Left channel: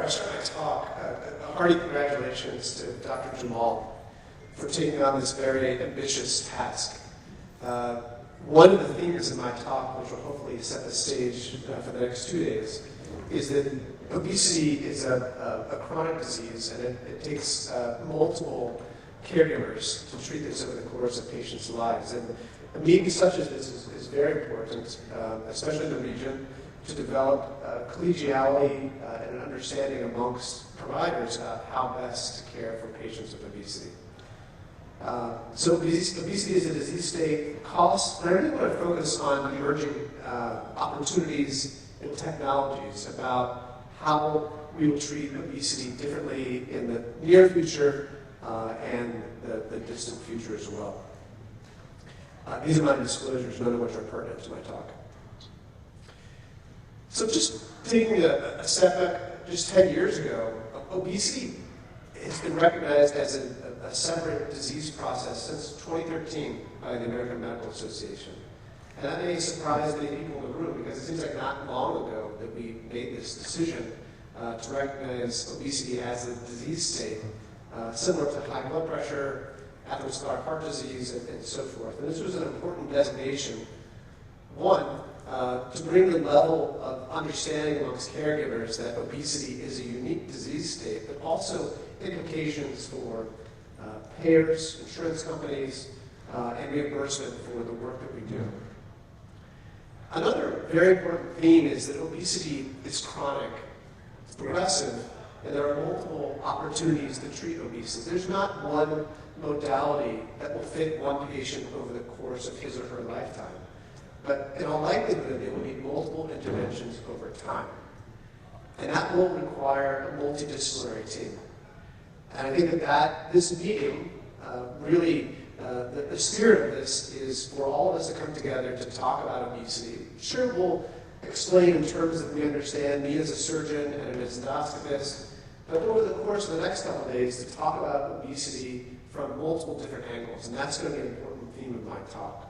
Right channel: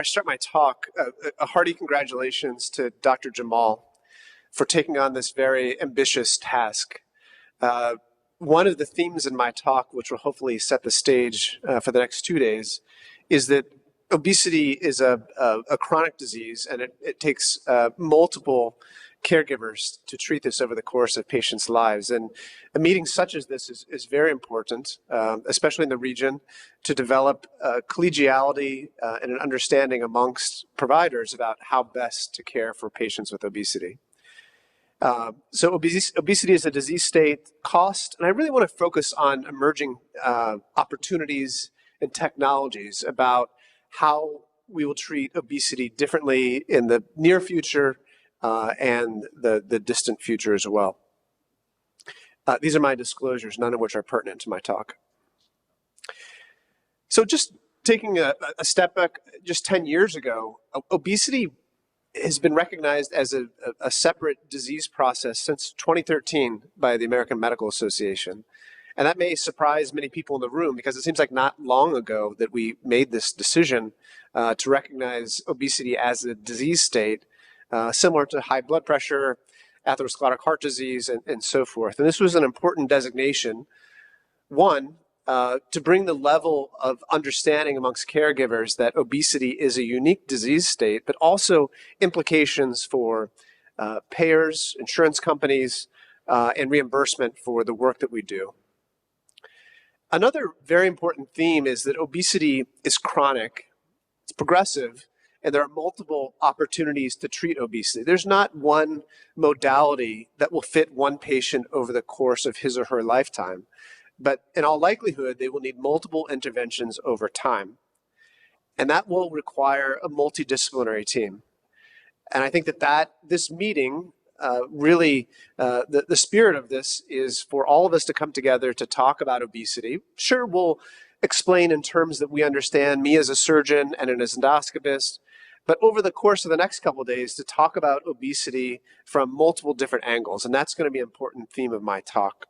I start my talk, a hearty congratulations to Dr. Jamal for taking on this very ambitious task. One of the themes in my talk, which will hopefully set the stage for the next 2 days, is that obesity is a chronic disease, and it takes multiple caregivers to treat this over the course of patients' lives. And a meeting such as this is very important, especially in the region, to develop collegiality and an understanding amongst providers about how best to care for patients with obesity. So obesity is a disease state, cost, and I really want to focus on emerging opportunities and technologies about how we will treat obesity differently in the near future and the distant future as well. These are my disclosures, none of which are pertinent to my talk. So just taking a step back, just 10 years ago, obesity has been recognized as a separate disease process since 2013 by the American Medical Association. And that may surprise many people in the room because it seems like not long ago that we made this decision to recognize obesity as a disease state similar to high blood pressure, atherosclerotic heart disease, and so forth. And this was an important designation, one, to bring the level of understanding amongst caregivers that obesity is a unique disease state, but also implications for payers, insurance companies, and reimbursement for the work that we do. Another very important theme is that obesity is chronic, it's progressive, and there are multiple opportunities to treat obesity. There's not one modality that will fit one patient over the course of his or her lifetime. But in all likelihood, they will need multiple interventions over time. And that will require a multidisciplinary team. And I think that this meeting really, the spirit of this is for all of us to come together to talk about obesity. Sure, we'll explain in terms that we understand, me as a surgeon and an endoscopist, but over the course of the next couple of days to talk about obesity from multiple different angles. And that's going to be an important theme of my talk.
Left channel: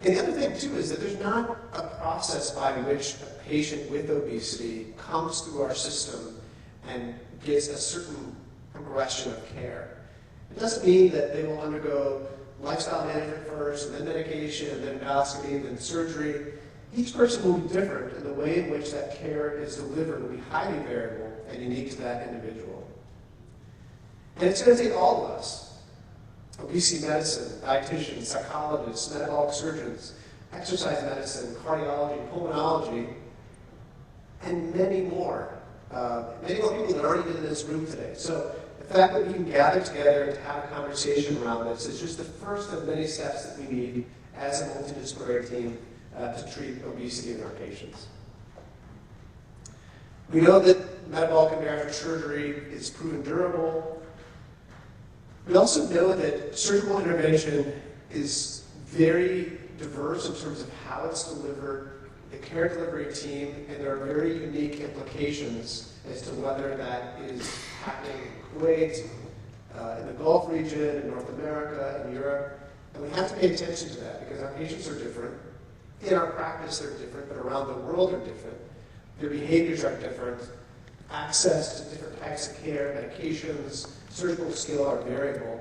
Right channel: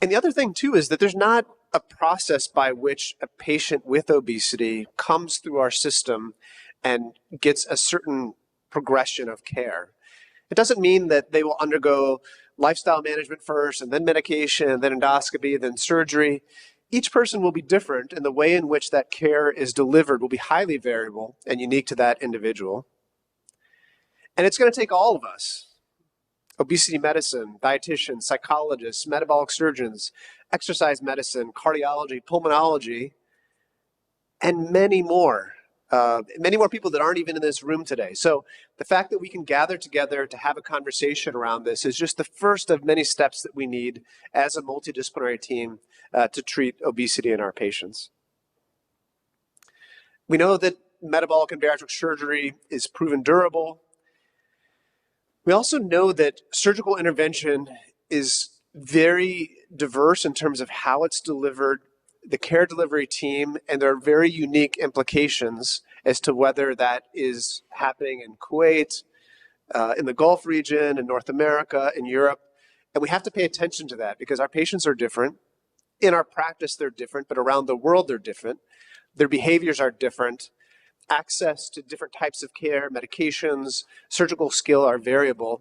And the other thing, too, is that there's not a process by which a patient with obesity comes through our system and gets a certain progression of care. It doesn't mean that they will undergo lifestyle management first, and then medication, and then endoscopy, and then surgery. Each person will be different, and the way in which that care is delivered will be highly variable and unique to that individual. And it's going to take all of us, obesity medicine, dietitians, psychologists, metabolic surgeons, exercise medicine, cardiology, pulmonology, and many more people that aren't even in this room today. So the fact that we can gather together to have a conversation around this is just the first of many steps that we need as a multidisciplinary team to treat obesity in our patients. We know that metabolic and bariatric surgery is proven durable. We also know that surgical intervention is very diverse in terms of how it's delivered, the care delivery team, and there are very unique implications as to whether that is happening in Kuwait, in the Gulf region, in North America, in Europe. And we have to pay attention to that because our patients are different. In our practice, they're different, but around the world, they're different. Their behaviors are different. Access to different types of care, medications, surgical skill are variable,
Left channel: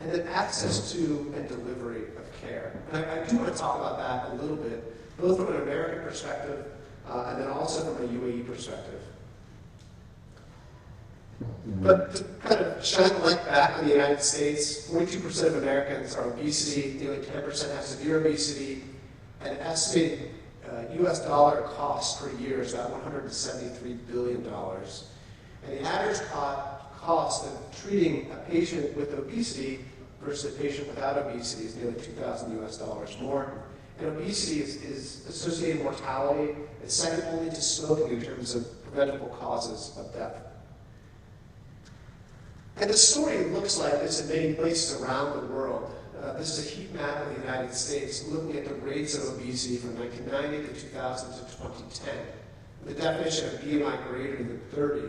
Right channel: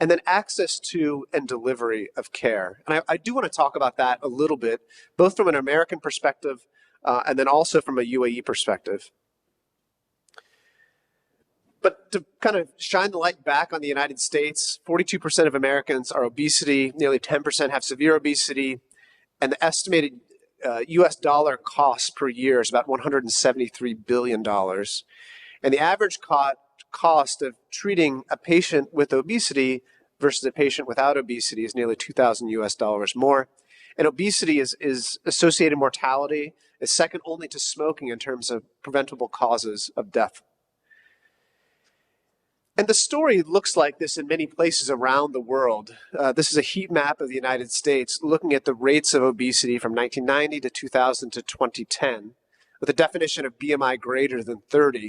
and then access to and delivery of care. And I do want to talk about that a little bit, both from an American perspective and then also from a UAE perspective. But to kind of shine the light back on the United States, 42% of Americans are obesity, nearly 10% have severe obesity, and the estimated US dollar cost per year is about $173 billion. And the average cost of treating a patient with obesity versus a patient without obesity is nearly 2,000 US dollars more. And obesity is associated mortality, is second only to smoking in terms of preventable causes of death. And the story looks like this in many places around the world. This is a heat map of the United States looking at the rates of obesity from 1990 to 2000 to 2010 with a definition of BMI greater than 30.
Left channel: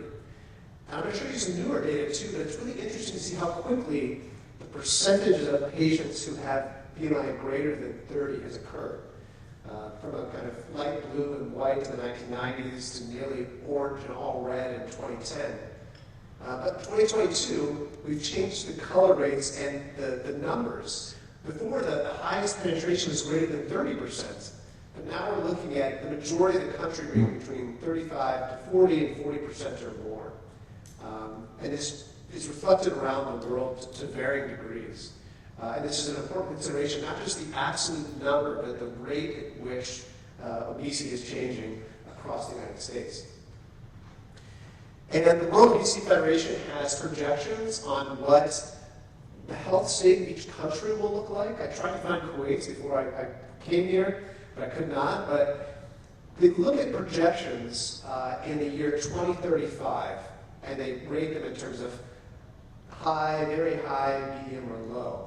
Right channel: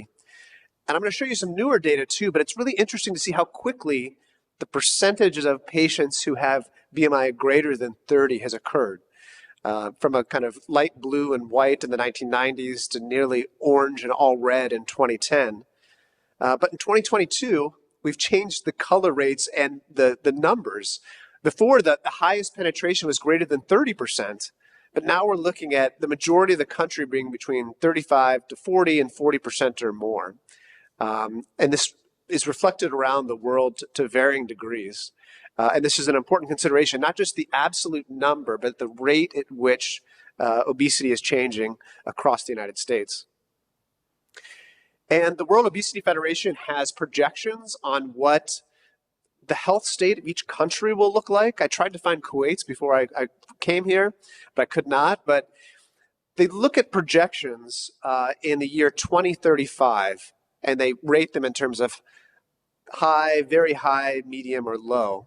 And I'm going to show you some newer data too, but it's really interesting to see how quickly the percentages of patients who have BMI greater than 30 has occurred. from a kind of light blue and white in the 1990s to nearly orange and all red in 2010. But in 2022, we've changed the color rates and the numbers. Before, the highest penetration was greater than 30%, but now we're looking at the majority of the country being between 35 to 40 and 40% or more. And this is reflected around the world to varying degrees. And this is an important consideration, not just the absolute number, but the rate at which obesity is changing across the United States. And the World Obesity Federation has projections on what the health state of each country will look like. I tried to find Kuwait's before I came here, but I could not. But they look at projections in the year 2035, and they rate them in terms of high, very high, medium, or low.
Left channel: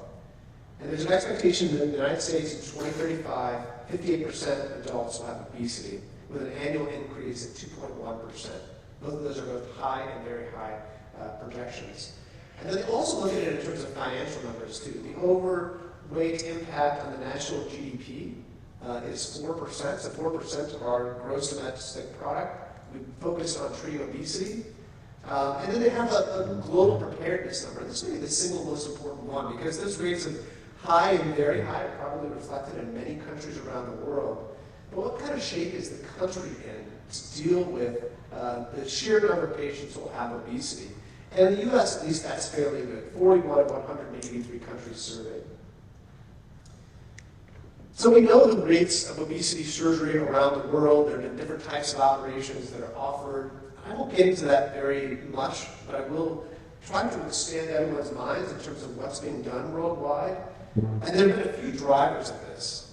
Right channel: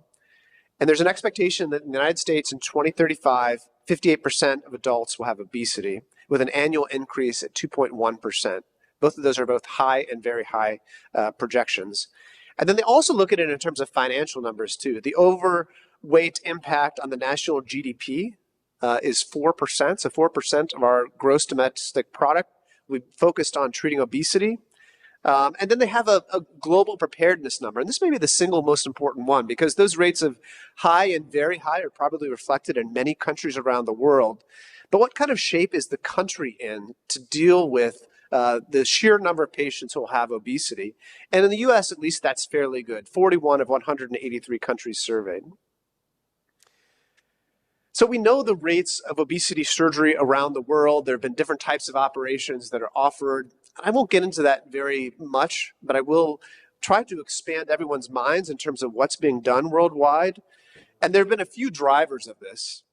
And there's an expectation that in the United States in 2035, 58% of adults will have obesity, with an annual increase at 2.1%. Both of those are both high and very high projections. And then they also look at it in terms of financial numbers too. The overweight impact on the national GDP is 4%, so 4% of our gross domestic product. We focused on treating obesity. And then they have a global preparedness number, and this may be the single most important one, because those rates of high and very high are probably reflected in many countries around the world. But what kind of shape is the country in to deal with the sheer number of patients who will have obesity? And in the US, at least, that's fairly good, 41 of 183 countries surveyed. So we know the rates of obesity surgery around the world. There have been different types of operations that are offered. I won't get into that very much, but I will try to expand everyone's minds in terms of what's being done worldwide. And there have been a few drivers of this,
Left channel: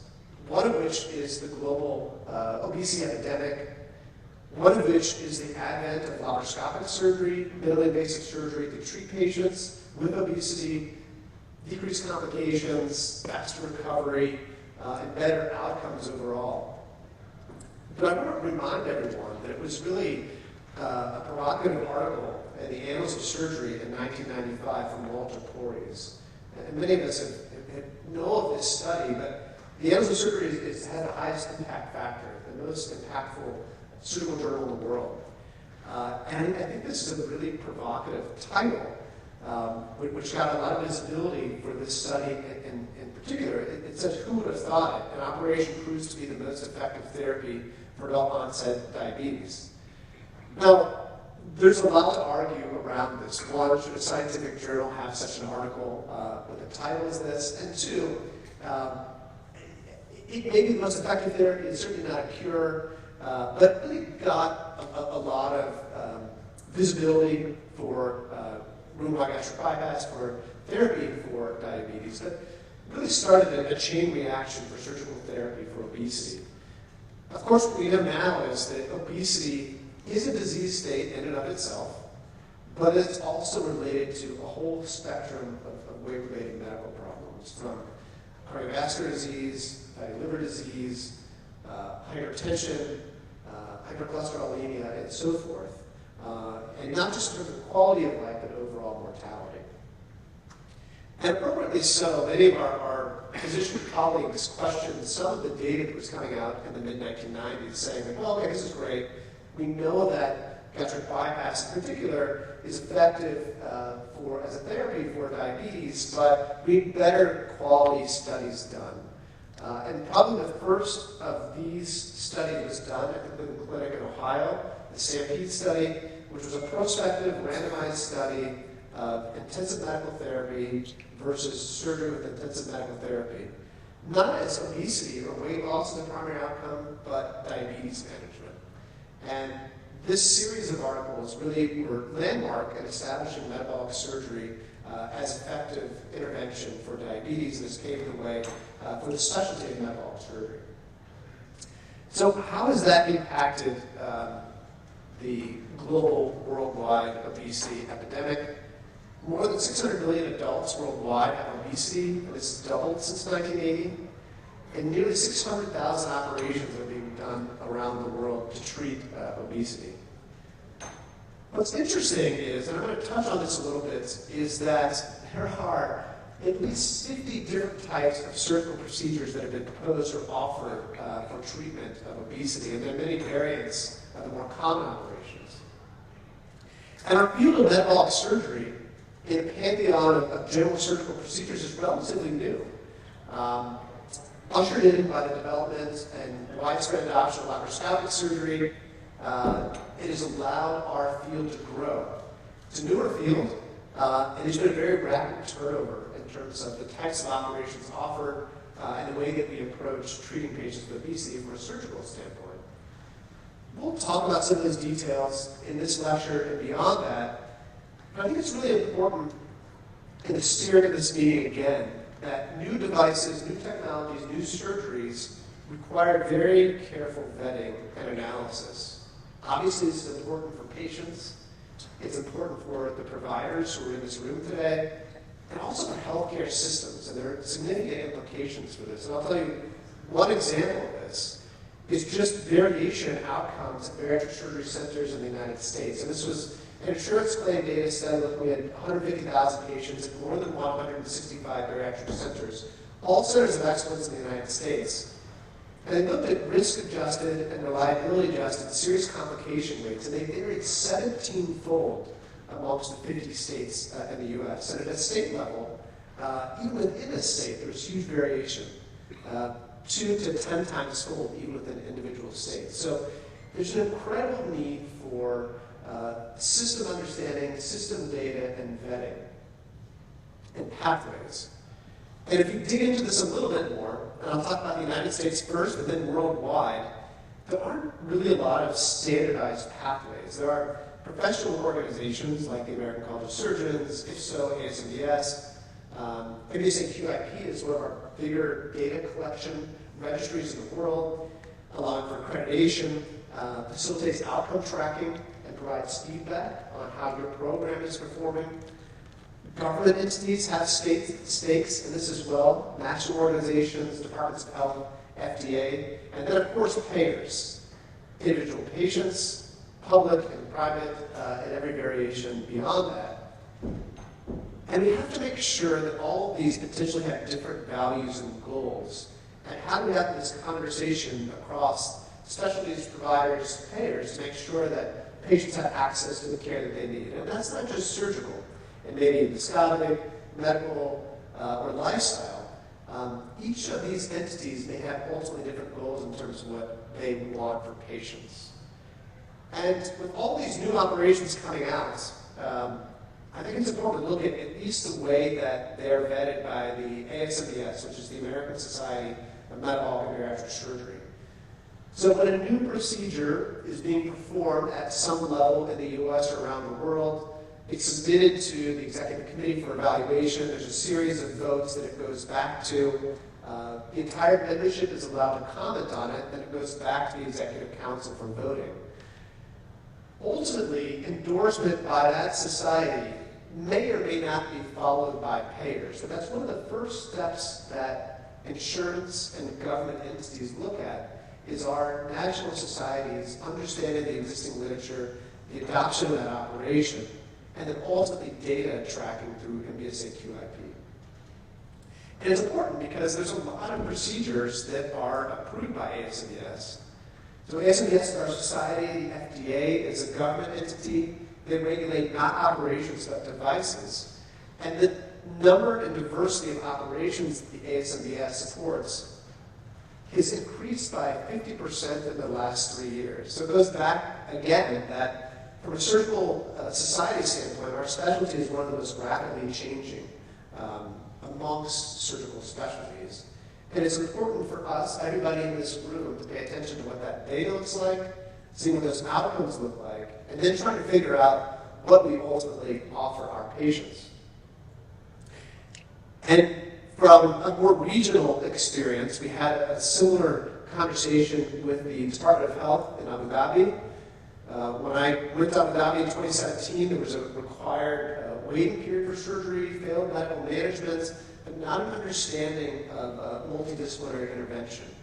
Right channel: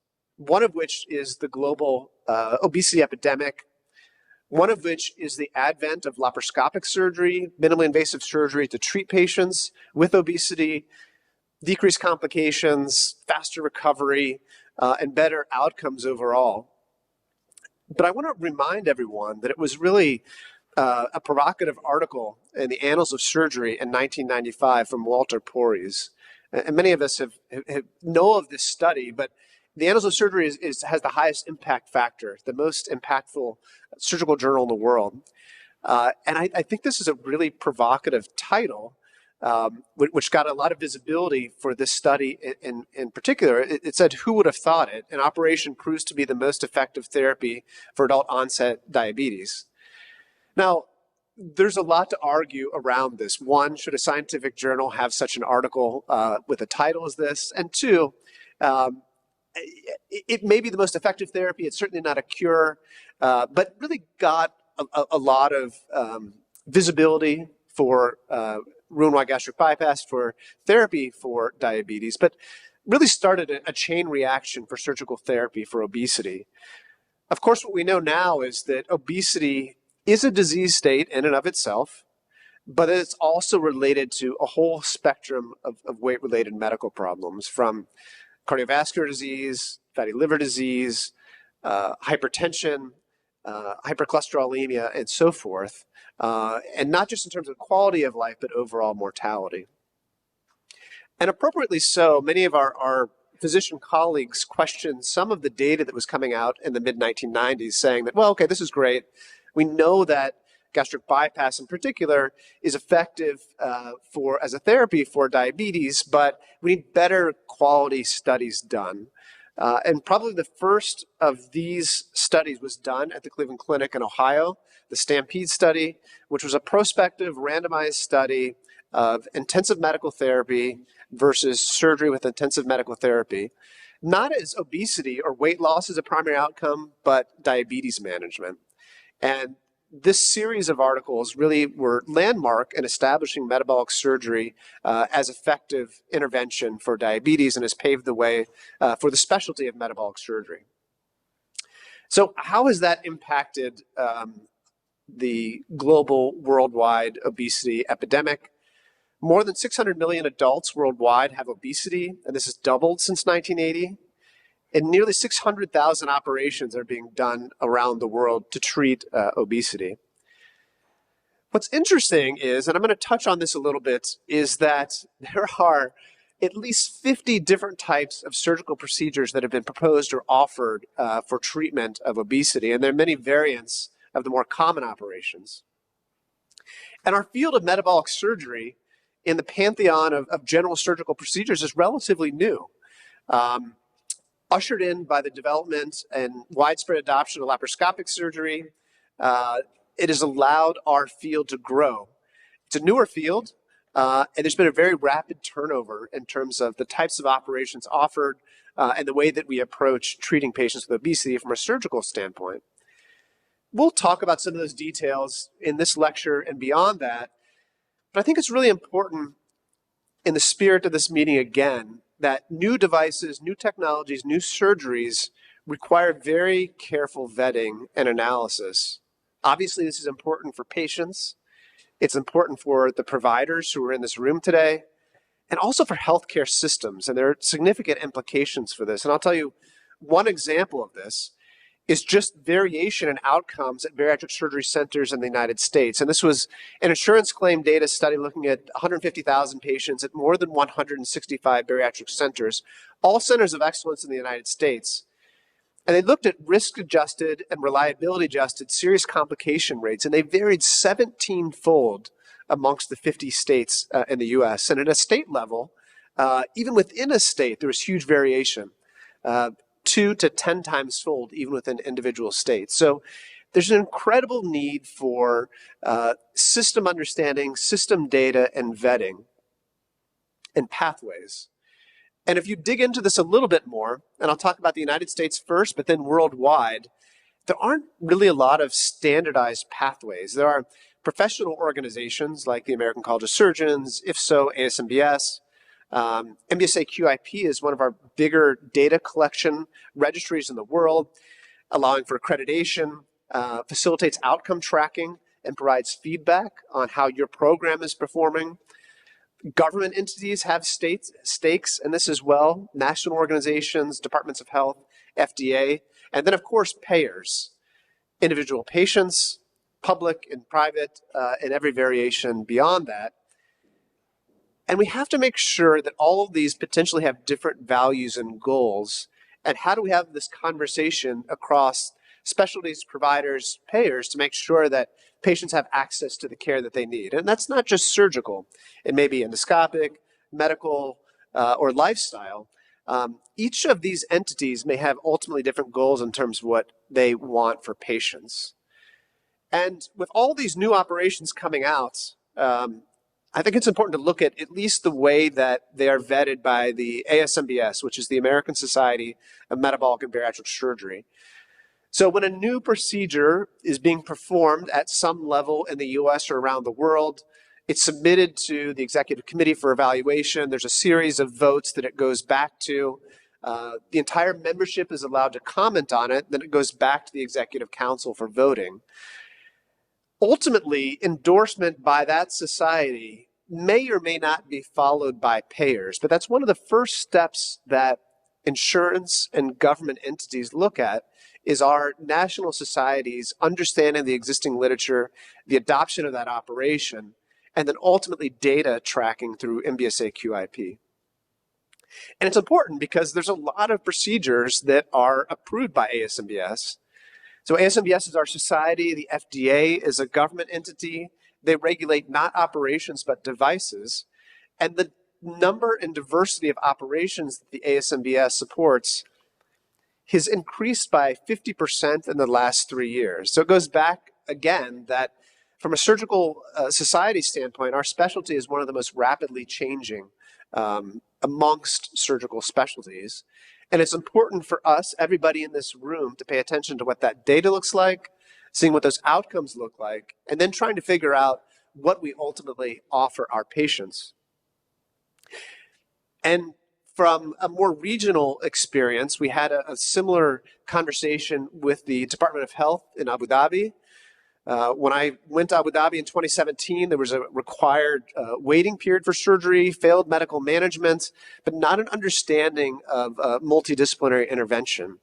one of which is the global obesity epidemic, one of which is the advent of laparoscopic surgery, minimally invasive surgery to treat patients with obesity, decrease complications, faster recovery, and better outcomes overall. But I want to remind everyone that it was really a provocative article in the Annals of Surgery in 1995 from Walter Porres. And many of us know of this study, but the Annals of Surgery has the highest impact factor, the most impactful surgical journal in the world. And I think this is a really provocative title, which got a lot of visibility for this study in particular. It said, "Who would have thought it? An operation proves to be the most effective therapy for adult onset diabetes." Now, there's a lot to argue around this. One, should a scientific journal have such an article with a title as this? And two, it may be the most effective therapy. It's certainly not a cure, but really got a lot of visibility for Roux-en-Y gastric bypass, for therapy for diabetes, but really started a chain reaction for surgical therapy for obesity. Of course, what we know now is that obesity is a disease state in and of itself, but it's also related to a whole spectrum of weight-related medical problems, from cardiovascular disease, fatty liver disease, hypertension, hypercholesterolemia, and so forth, and not just in terms of quality of life, but overall mortality. And appropriately so, many of our physician colleagues questioned some of the data that was coming out in the mid-1990s, saying that, well, okay, this is great. We know that gastric bypass in particular is effective as a therapy for diabetes, but we need better quality studies done. And probably the first of these studies was done at the Cleveland Clinic in Ohio, the STAMPEDE study, which was a prospective randomized study of intensive medical therapy versus surgery with intensive medical therapy. Not as obesity or weight loss as a primary outcome, but diabetes management. And this series of articles really were landmark in establishing metabolic surgery as effective intervention for diabetes, and has paved the way for the specialty of metabolic surgery. So how has that impacted the global worldwide obesity epidemic? More than 600 million adults worldwide have obesity, and this has doubled since 1980. And nearly 600,000 operations are being done around the world to treat obesity. What's interesting is, and I'm going to touch on this a little bit, is that there are at least 50 different types of surgical procedures that have been proposed or offered for treatment of obesity, and there are many variants of the more common operations. And our field of metabolic surgery in the pantheon of general surgical procedures is relatively new, ushered in by the development and widespread adoption of laparoscopic surgery. It has allowed our field to grow. It's a newer field, and there's been a very rapid turnover in terms of the types of operations offered and the way that we approach treating patients with obesity from a surgical standpoint. We'll talk about some of those details in this lecture and beyond that, but I think it's really important in the spirit of this meeting again that new devices, new technologies, new surgeries require very careful vetting and analysis. Obviously, this is important for patients. It's important for the providers who are in this room today, and also for healthcare systems, and there are significant implications for this. And I'll tell you, one example of this is just variation in outcomes at bariatric surgery centers in the United States. And this was an insurance claim data study looking at 150,000 patients at more than 165 bariatric centers, all centers of excellence in the United States. And they looked at risk-adjusted and reliability-adjusted serious complication rates, and they varied 17-fold amongst the 50 states in the US. And at a state level, even within a state, there was huge variation. 2 to 10 times fold, even within individual states. So there's an incredible need for system understanding, system data, and vetting, and pathways. And if you dig into this a little bit more, and I'll talk about the United States first, but then worldwide, there aren't really a lot of standardized pathways. There are professional organizations like the American College of Surgeons, IFSO, ASMBS, MBSA QIP is one of our bigger data collection registries in the world, allowing for accreditation, facilitates outcome tracking, and provides feedback on how your program is performing. Government entities have stakes in this as well, national organizations, departments of health, FDA, and then of course payers, individual patients, public and private, and every variation beyond that. And we have to make sure that all of these potentially have different values and goals. And how do we have this conversation across specialties, providers, payers to make sure that patients have access to the care that they need? And that's not just surgical. It may be endoscopic, medical, or lifestyle. Each of these entities may have ultimately different goals in terms of what they want for patients. And with all these new operations coming out, I think it's important to look at least the way that they are vetted by the ASMBS, which is the American Society of Metabolic and Bariatric Surgery. So when a new procedure is being performed at some level in the US or around the world, it's submitted to the executive committee for evaluation. There's a series of votes that it goes back to. The entire membership is allowed to comment on it, then it goes back to the executive council for voting. Ultimately, endorsement by that society may or may not be followed by payers, but that's one of the first steps that insurance and government entities look at is our national societies understanding the existing literature, the adoption of that operation, and then ultimately data tracking through MBSA QIP. And it's important because there's a lot of procedures that are approved by ASMBS. So ASMBS is our society, the FDA is a government entity. They regulate not operations, but devices. And the number and diversity of operations that the ASMBS supports has increased by 50% in the last 3 years. So it goes back again that from a surgical society standpoint, our specialty is one of the most rapidly changing amongst surgical specialties. And it's important for us, everybody in this room, to pay attention to what that data looks like, seeing what those outcomes look like, and then trying to figure out what we ultimately offer our patients. And from a more regional experience, we had a similar conversation with the Department of Health in Abu Dhabi. When I went to Abu Dhabi in 2017, there was a required waiting period for surgery, failed medical management, but not an understanding of multidisciplinary intervention.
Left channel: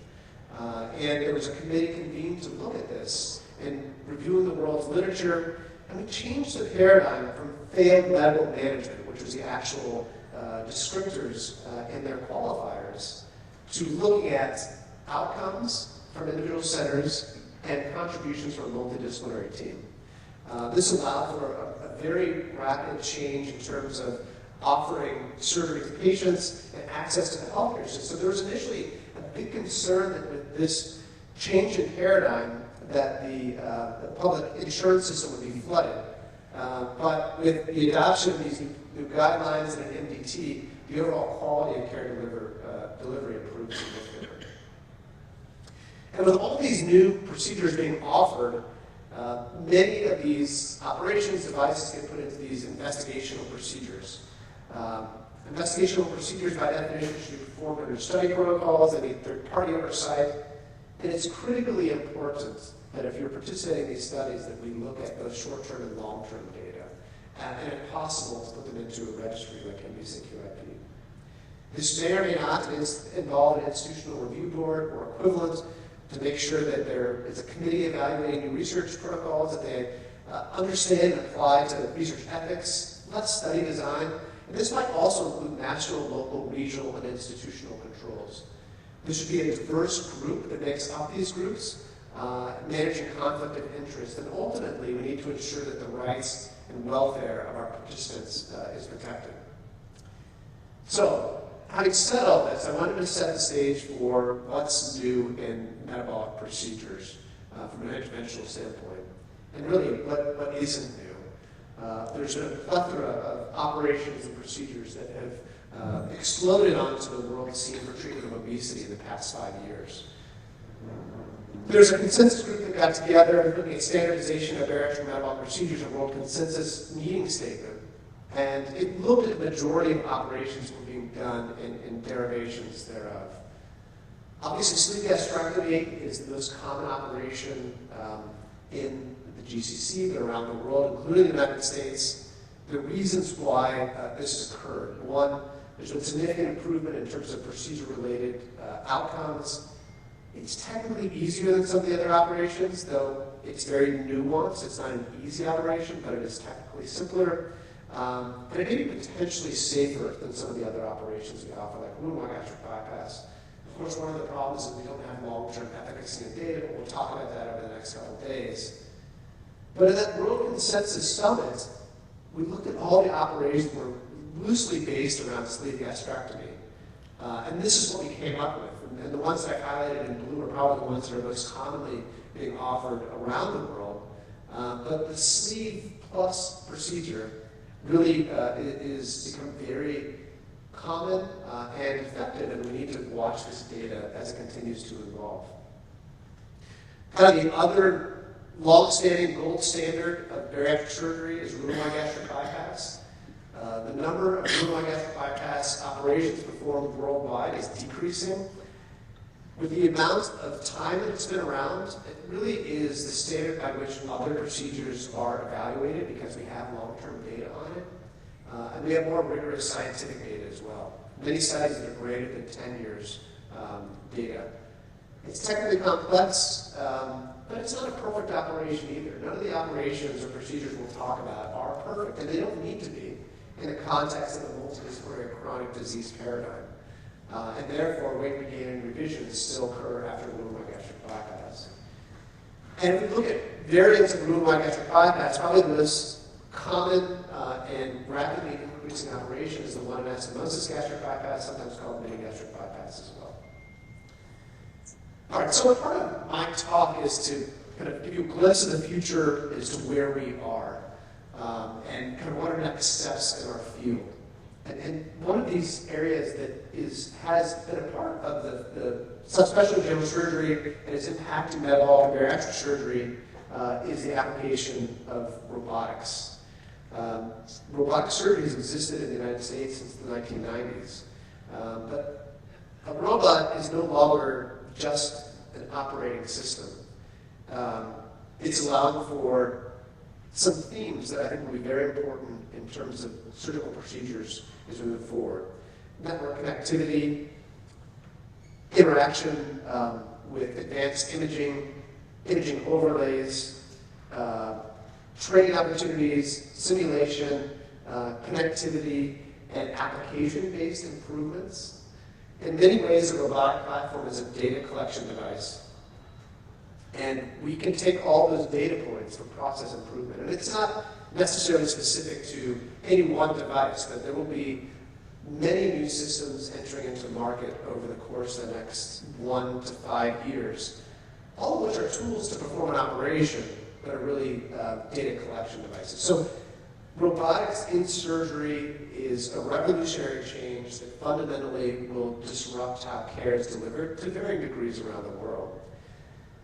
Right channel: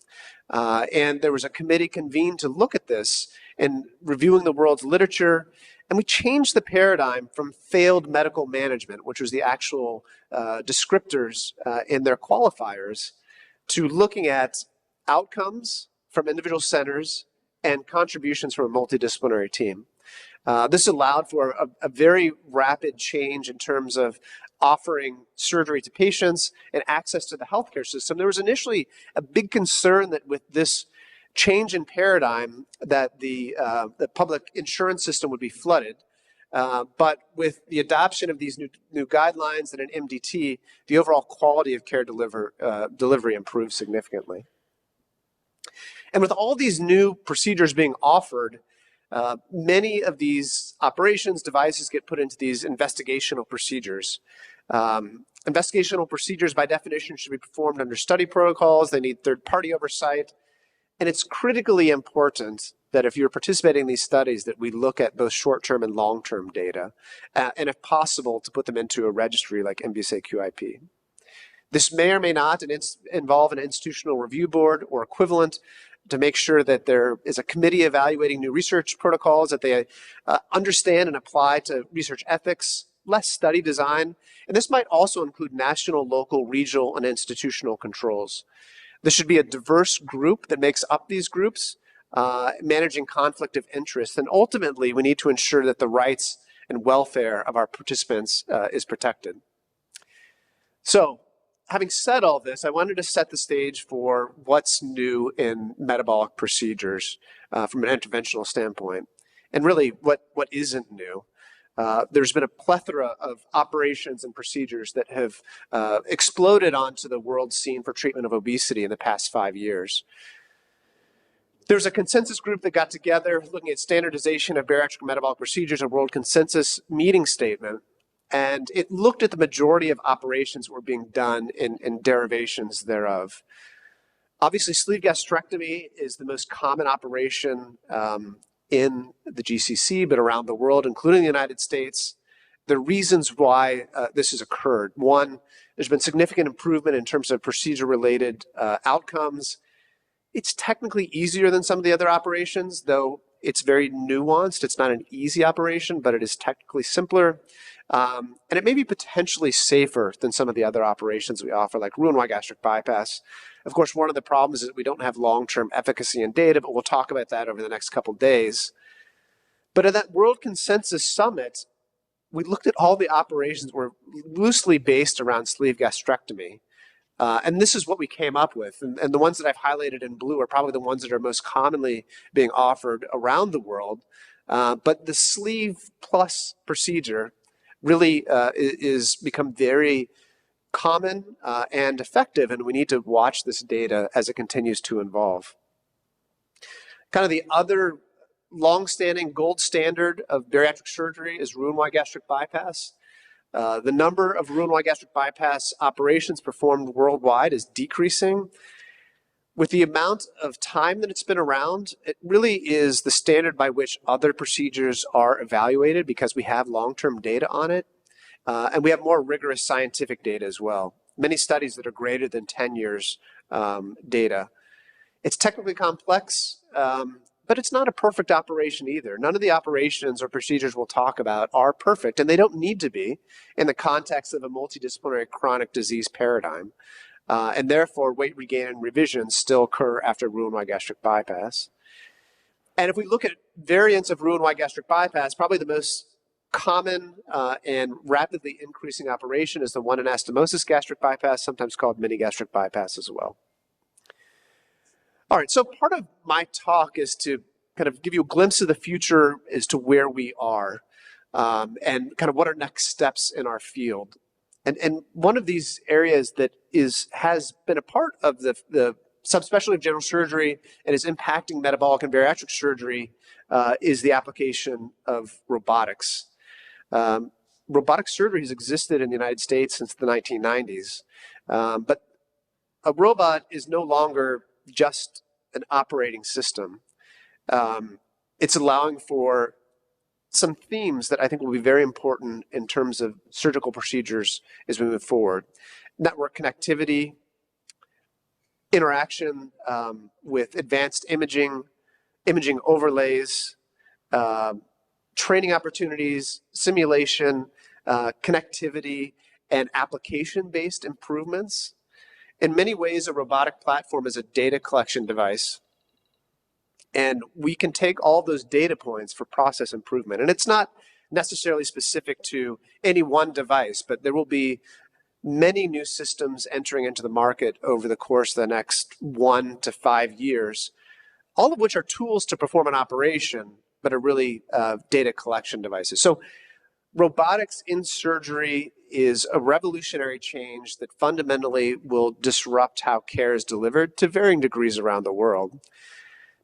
And there was a committee convened to look at this and reviewing the world's literature, and we changed the paradigm from failed medical management, which was the actual descriptors in their qualifiers to looking at outcomes from individual centers and contributions from a multidisciplinary team. This allowed for a very rapid change in terms of offering surgery to patients and access to the healthcare system. There was initially a big concern that with this change in paradigm that the public insurance system would be flooded. But with the adoption of these new guidelines and an MDT, the overall quality of care delivery improved significantly. And with all these new procedures being offered, many of these operations, devices get put into these investigational procedures. Investigational procedures, by definition, should be performed under study protocols. They need third-party oversight. And it's critically important that if you're participating in these studies, that we look at both short-term and long-term data, and if possible, to put them into a registry like MBSA QIP. This may or may not involve an institutional review board or equivalent to make sure that there is a committee evaluating new research protocols, that they understand and apply to research ethics, less study design, and this might also include national, local, regional, and institutional controls. There should be a diverse group that makes up these groups, managing conflict of interest, and ultimately we need to ensure that the rights and welfare of our participants is protected. So, having said all this, I wanted to set the stage for what's new in metabolic procedures from an interventional standpoint, and really what isn't new. There's been a plethora of operations and procedures that have exploded onto the world scene for treatment of obesity in the past 5 years. There's a consensus group that got together looking at standardization of bariatric metabolic procedures, a world consensus meeting statement, and it looked at the majority of operations were being done in derivations thereof. Obviously, sleeve gastrectomy is the most common operation in the GCC, but around the world, including the United States. The reasons why this has occurred: one, there's been significant improvement in terms of procedure-related outcomes. It's technically easier than some of the other operations, though it's very nuanced. It's not an easy operation, but it is technically simpler. And it may be potentially safer than some of the other operations we offer, like Roux-en-Y gastric bypass. Of course, one of the problems is that we don't have long-term efficacy and data, but we'll talk about that over the next couple days. But at that World Consensus Summit, we looked at all the operations that were loosely based around sleeve gastrectomy. And this is what we came up with. And the ones that I've highlighted in blue are probably the ones that are most commonly being offered around the world. But the sleeve plus procedure really is become very common and effective, and we need to watch this data as it continues to evolve. Kind of the other long-standing gold standard of bariatric surgery is Roux-en-Y gastric bypass. The number of Roux-en-Y gastric bypass operations performed worldwide is decreasing. With the amount of time that it's been around, it really is the standard by which other procedures are evaluated because we have long-term data on it. And we have more rigorous scientific data as well. Many studies that are greater than 10 years data. It's technically complex, but it's not a perfect operation either. None of the operations or procedures we'll talk about are perfect, and they don't need to be in the context of a multidisciplinary chronic disease paradigm. And therefore, weight regain and revision still occur after Roux-en-Y gastric bypass. And if we look at variants of Roux-en-Y gastric bypass, probably the most common and rapidly increasing operation is the one anastomosis gastric bypass, sometimes called mini gastric bypass as well. All right, so part of my talk is to kind of give you a glimpse of the future as to where we are and kind of what are next steps in our field. And one of these areas that has been a part of the subspecialty of general surgery and is impacting metabolic and bariatric surgery is the application of robotics. Robotic surgery has existed in the United States since the 1990s, but a robot is no longer just an operating system. It's allowing for some themes that I think will be very important in terms of surgical procedures as we move forward. Network connectivity, interaction with advanced imaging overlays, training opportunities, simulation, connectivity, and application-based improvements. In many ways, a robotic platform is a data collection device. And we can take all those data points for process improvement. And it's not necessarily specific to any one device, but there will be many new systems entering into the market over the course of the next 1 to 5 years, all of which are tools to perform an operation, but are really data collection devices. So robotics in surgery is a revolutionary change that fundamentally will disrupt how care is delivered to varying degrees around the world.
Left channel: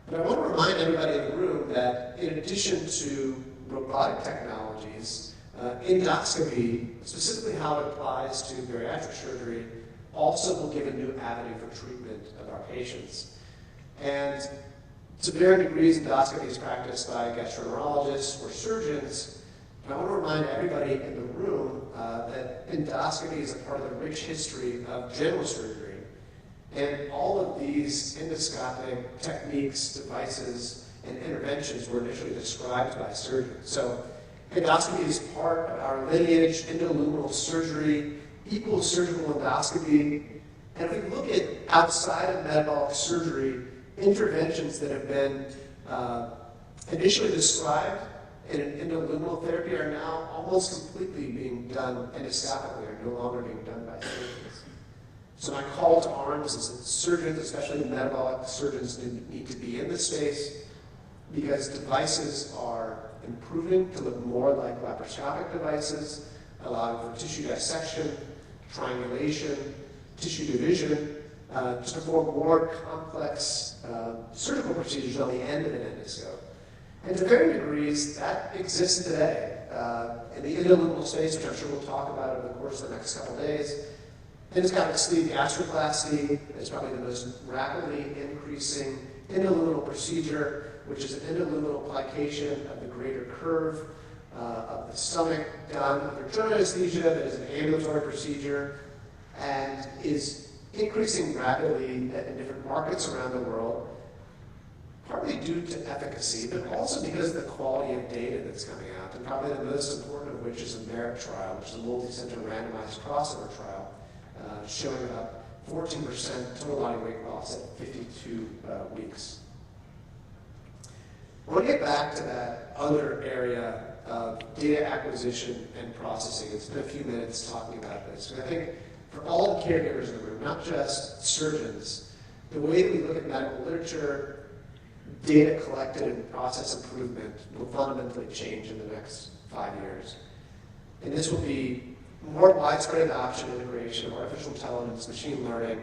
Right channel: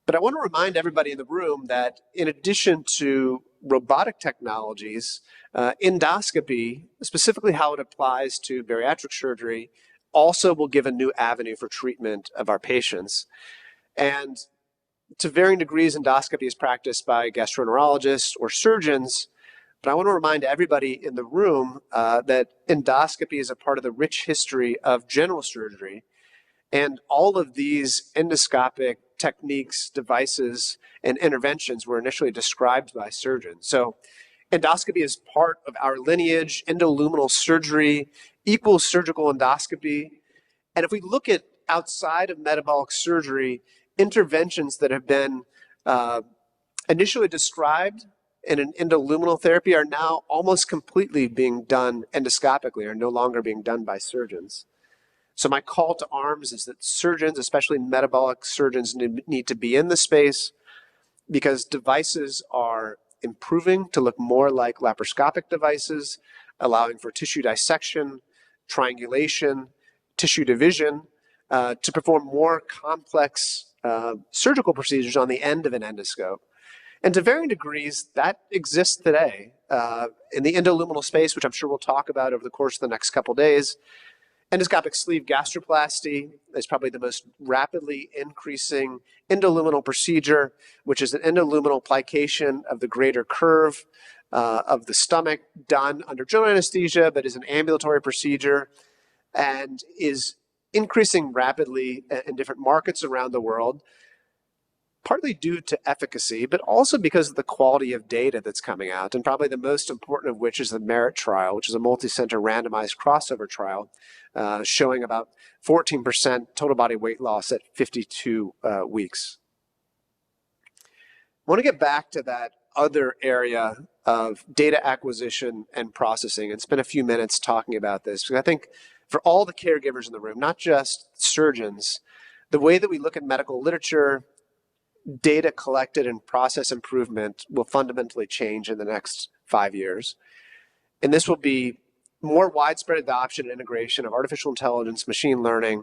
But I want to remind everybody in the room that in addition to robotic technologies, endoscopy, specifically how it applies to bariatric surgery, also will give a new avenue for treatment of our patients. And to varying degrees, endoscopy is practiced by gastroenterologists or surgeons. But I want to remind everybody in the room that endoscopy is a part of the rich history of general surgery. And all of these endoscopic techniques, devices, and interventions were initially described by surgeons. So endoscopy is part of our lineage. Endoluminal surgery equals surgical endoscopy. And if we look at outside of metabolic surgery, interventions that have been initially described in an endoluminal therapy are now almost completely being done endoscopically, or no longer being done by surgeons. So my call to arms is that surgeons, especially metabolic surgeons, need to be in the space, because devices are improving to look more like laparoscopic devices, allowing for tissue dissection, triangulation, tissue division, to perform more complex surgical procedures on the end of an endoscope. And to varying degrees, that exists today. In the endoluminal space, which I'm sure we'll talk about over the course of the next couple days, endoscopic sleeve gastroplasty is probably the most rapidly increasing endoluminal procedure, which is an endoluminal plication of the greater curve of the stomach, done under general anesthesia, but is an ambulatory procedure and is increasing rapidly in different markets around the world, partly due to efficacy, but also because of the quality of data that's coming out, and probably the most important of which is the MERIT trial, which is a multi-center randomized crossover trial showing about 14% total body weight loss at 52 weeks. I want to get back to that other area of data acquisition and processing and spend a few minutes talking about this, because I think for all the caregivers in the room, not just surgeons, the way that we look at medical literature, data collected and process improvement will fundamentally change in the next 5 years. And this will be more widespread adoption and integration of artificial intelligence, machine learning,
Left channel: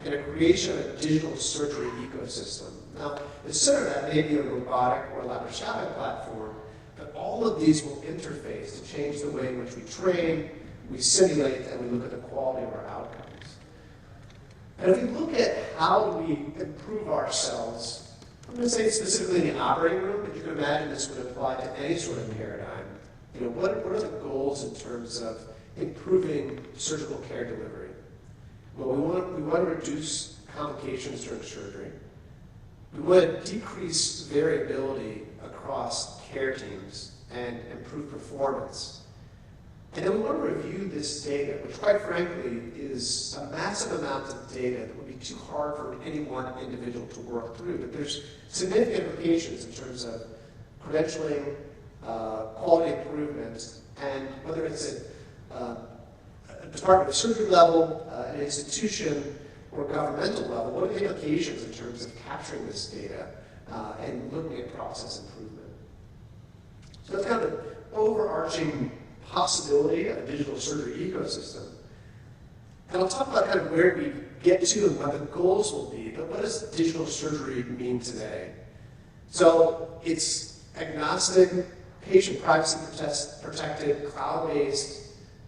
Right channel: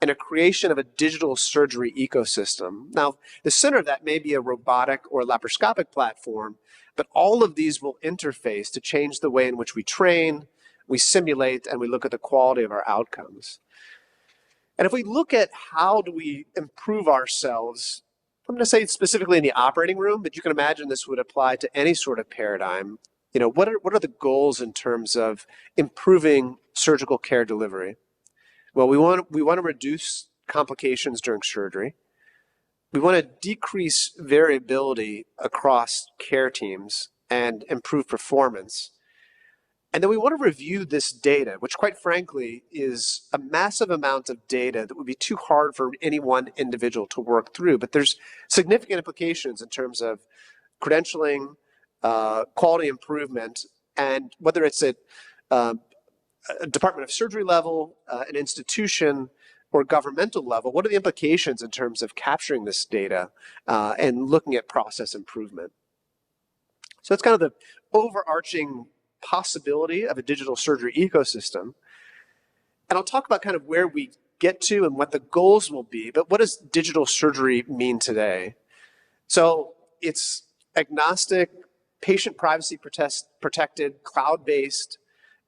and a creation of a digital surgery ecosystem. Now, the center of that may be a robotic or laparoscopic platform, but all of these will interface to change the way in which we train, we simulate, and we look at the quality of our outcomes. And if we look at how do we improve ourselves, I'm going to say specifically in the operating room, but you can imagine this would apply to any sort of paradigm. You know, what are the goals in terms of improving surgical care delivery? Well, we want to reduce complications during surgery. We want to decrease variability across care teams and improve performance. And then we want to review this data, which quite frankly is a massive amount of data that would be too hard for any one individual to work through. But there's significant implications in terms of credentialing, quality improvement, and whether it's at a Department of Surgery level, an institution, or governmental level, what are the implications in terms of capturing this data and looking at process improvement? So that's kind of the overarching possibility of a digital surgery ecosystem. And I'll talk about kind of where we get to and what the goals will be, but what does digital surgery mean today? So it's agnostic, patient privacy protected, cloud-based.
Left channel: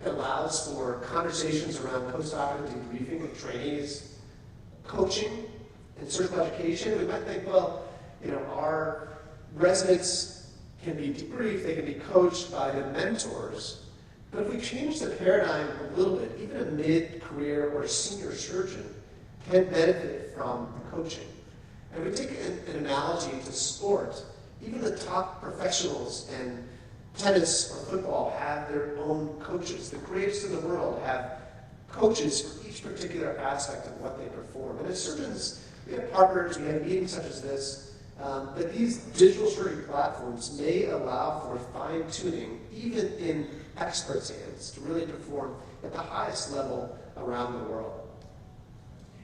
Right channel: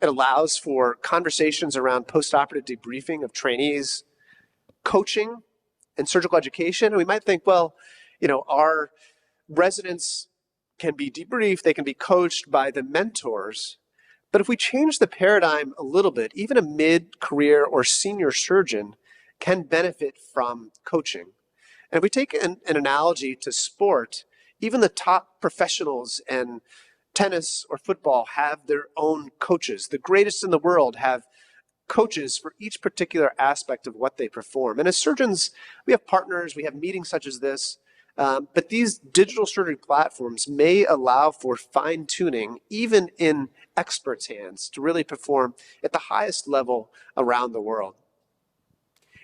It allows for conversations around postoperative debriefing of trainees, coaching, and surgical education. And we might think, well, you know, our residents can be debriefed, they can be coached by the mentors. But if we change the paradigm a little bit, even a mid-career or senior surgeon can benefit from coaching. And if we take an analogy to sport, even the top professionals and Tennis or football have their own coaches. The greatest in the world have coaches for each particular aspect of what they perform. And as surgeons, we have partners, we have meetings such as this, but these digital surgery platforms may allow for fine-tuning, even in experts' hands, to really perform at the highest level around the world.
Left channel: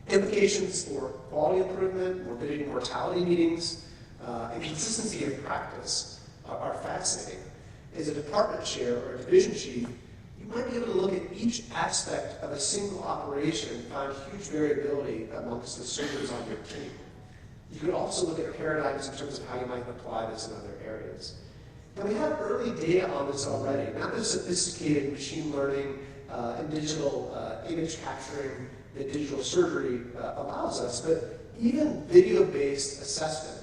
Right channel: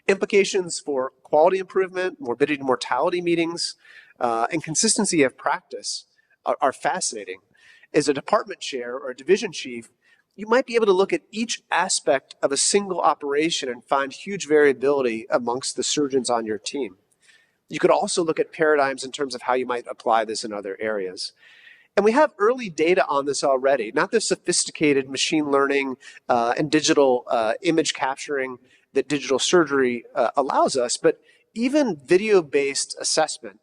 Implications for quality improvement, morbidity and mortality meetings, and consistency of practice are fascinating. As a department chair or a division chief, you might be able to look at each aspect of a single operation and find huge variability amongst the surgeons on your team. You could also look at paradigms in terms of how you might apply this in other areas. And we have early data on this already, not the sophisticated machine learning and digital image capturing that digital surgery allows us, but even video-based assessment,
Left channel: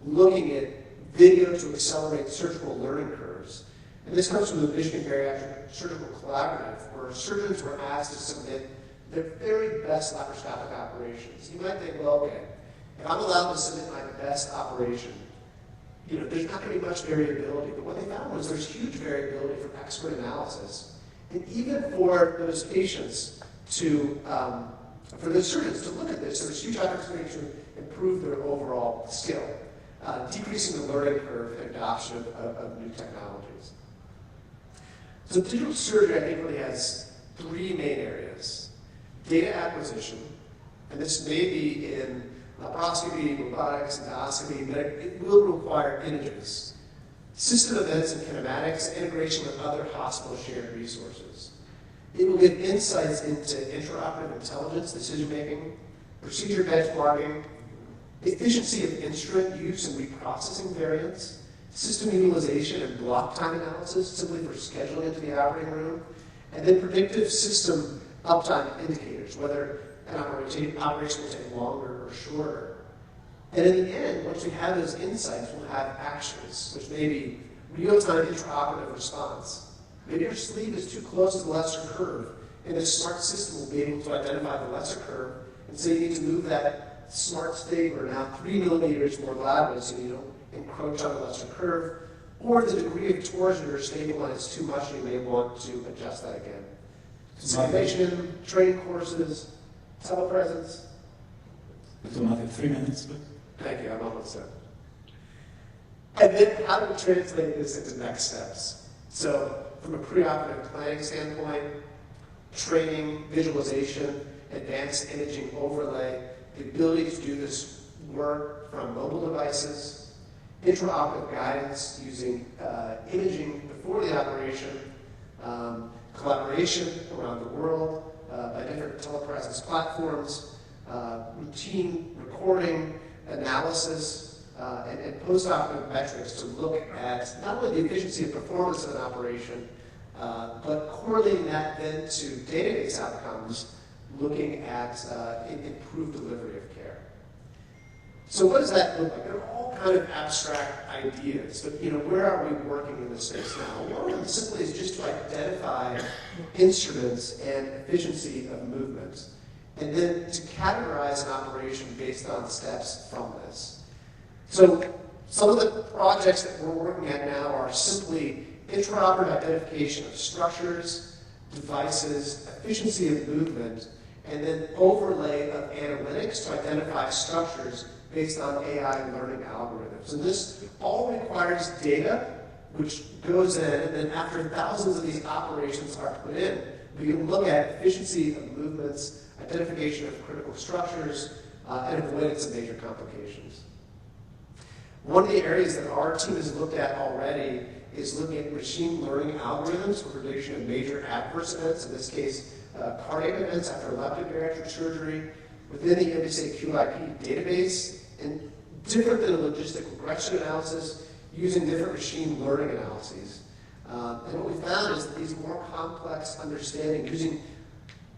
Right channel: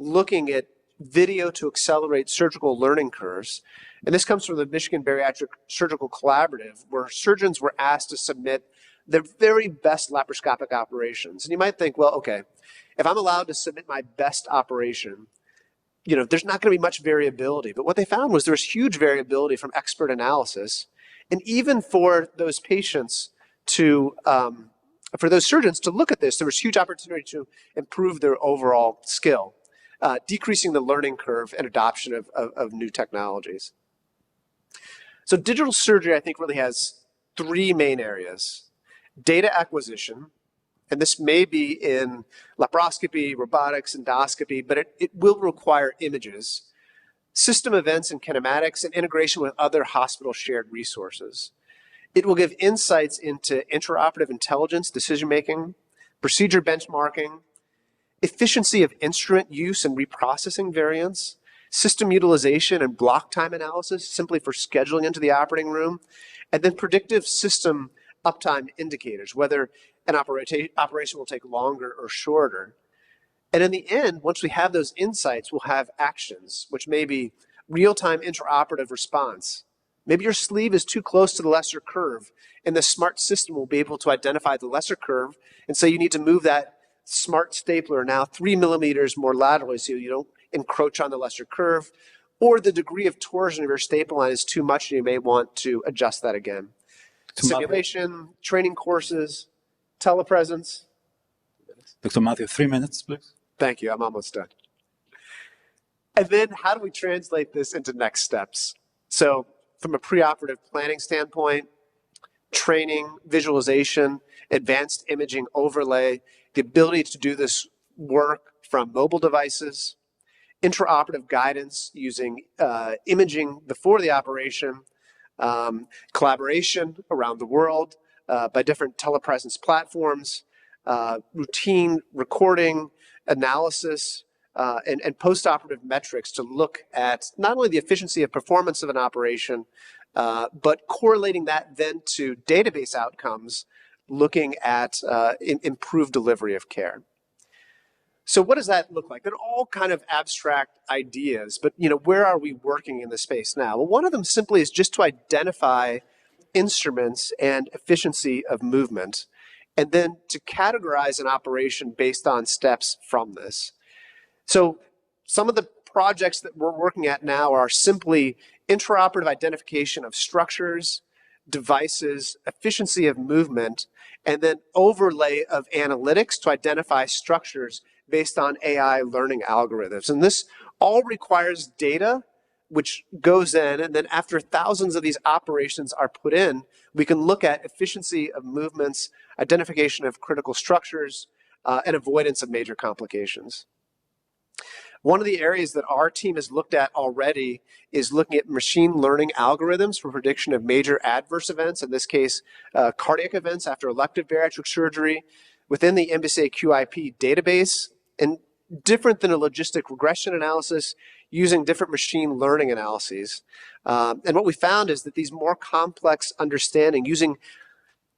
looking at video to accelerate surgical learning curves. And this comes from the Michigan Bariatric Surgical Collaborative, where surgeons were asked to submit their very best laparoscopic operations. And you might think, well, okay, if I'm allowed to submit my best operation, there's not going to be much variability. But what they found was there was huge variability from expert analysis. And even for those patients for those surgeons to look at this, there was huge opportunity to improve their overall skill, decreasing the learning curve and adoption of new technologies. So digital surgery, I think, really has three main areas. Data acquisition, and this may be in laparoscopy, robotics, endoscopy, but it will require images. System events and kinematics, and integration with other hospital shared resources. It will give insights into intraoperative intelligence, decision-making, procedure benchmarking, efficiency of instrument use and reprocessing variance, system utilization and block time analysis simply for scheduling into the operating room, and then predictive system uptime indicators, whether an operation will take longer or shorter. And in the end, once we have those insights, we'll have actions, which may be real-time intraoperative response. Maybe your sleeve is too close to the lesser curve, and the smart system will be able to identify the lesser curve, and so you need to move that smart stapler now 3 millimeters more laterally so you don't encroach on the lesser curve, or the degree of torsion of your staple line is too much and you may want to adjust that again. Simulation, training courses, telepresence. Dr. Matthew, 3 minutes, please. Thank you, I'm almost done. And then how do we translate this into next steps? So from a preoperative planning standpoint, training, visualization, advanced imaging overlay, the ability to do this work from mobile devices, intraoperative guidance using imaging before the operation, collaboration around the world by different telepresence platforms, routine recording, analysis, and postoperative metrics to look at not only the efficiency of performance of an operation, but correlating that then to database outcomes, looking at improved delivery of care. So what does that look like? They're all kind of abstract ideas, but where are we working in the space now? Well, one of them simply is just to identify instruments and efficiency of movement, and then to categorize an operation based on steps from this. So some of the projects that we're working at now are simply intraoperative identification of structures, devices, efficiency of movement, and then overlay of analytics to identify structures based on AI learning algorithms. And this all requires data which goes in, and then after thousands of these operations are put in, we can look at efficiency of movements, identification of critical structures, and avoidance of major complications. One of the areas that our team has looked at already is looking at machine learning algorithms for prediction of major adverse events, in this case, cardiac events after elective bariatric surgery, within the MBSA QIP database, and different than a logistic regression analysis, using different machine learning analyses. And what we found is that these more complex understanding, using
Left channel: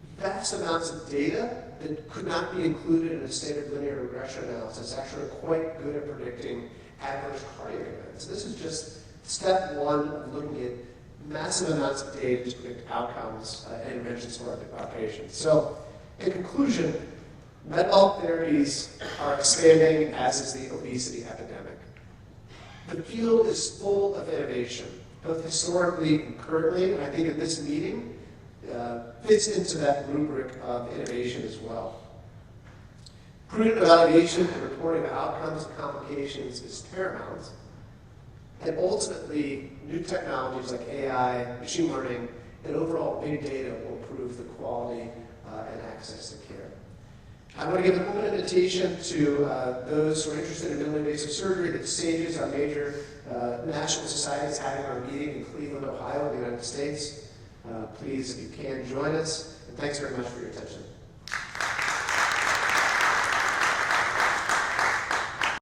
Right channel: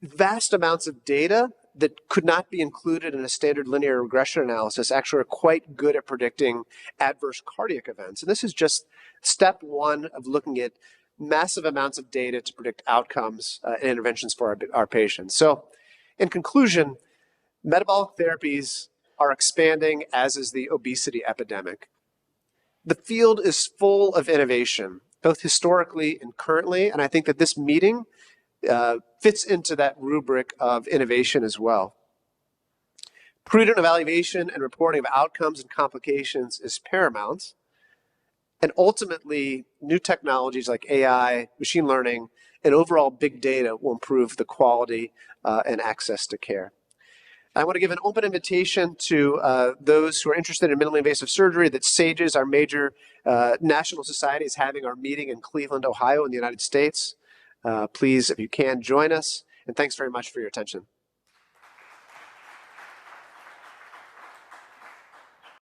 vast amounts of data that could not be included in a standard linear regression analysis, actually are quite good at predicting adverse cardiac events. And this is just step one of looking at massive amounts of data to predict outcomes and interventions for our patients. So in conclusion, metabolic therapies are expanding, as is the obesity epidemic. The field is full of innovation, both historically and currently, and I think that this meeting fits into that rubric of innovation as well. Prudent evaluation and reporting of outcomes and complications is paramount, and ultimately, new technologies like AI, machine learning, and overall big data will improve the quality and access to care. I want to give an open invitation to those who are interested in minimally invasive surgery that SAGES, our major national society, is having our meeting in Cleveland, Ohio in the United States. Please, if you can, join us. And thanks very much for your attention.